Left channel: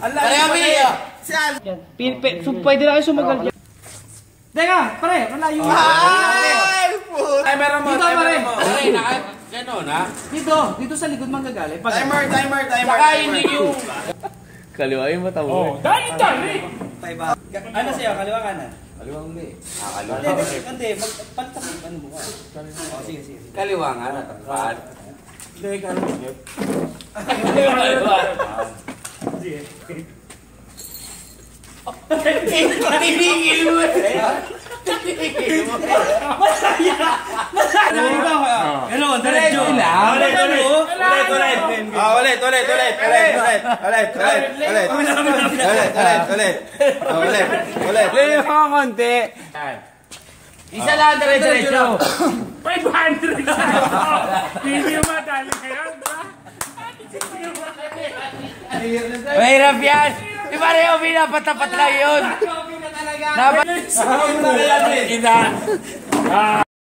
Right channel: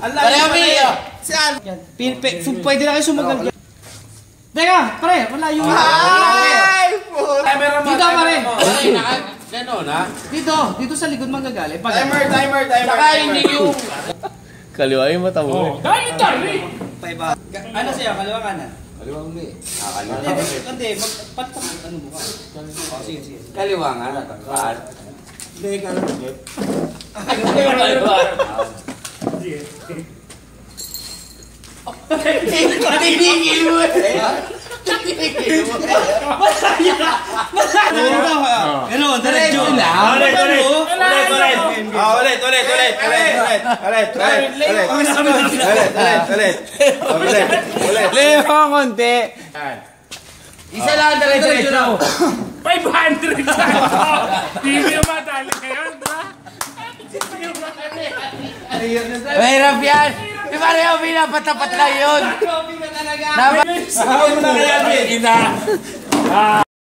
Pareho, Mia. Pwede na kayo sumagal dyan. Teka, pare, malayo na. Dito, pare. Ganon, ha? Dito sa likod manggagaling. Timer. Saka hindi yung... Kaliwain mo tamo. Dahil. Ano sa'yo? Kaliwa kanan? Kaliwang uli. Hindi, magpalitan mo. Ano mo ka? Sige. Kaliwang, ano? Takal. Hindi, kanan. Tingin mo eh. Ganon, diretso. Ulit. Lili mo konti. Isa lang diretso. 500 hindi mo madali yan, ha? Mahirap yan. Di pareho, Mina. Patapat lang yun. Saan mo na kaya,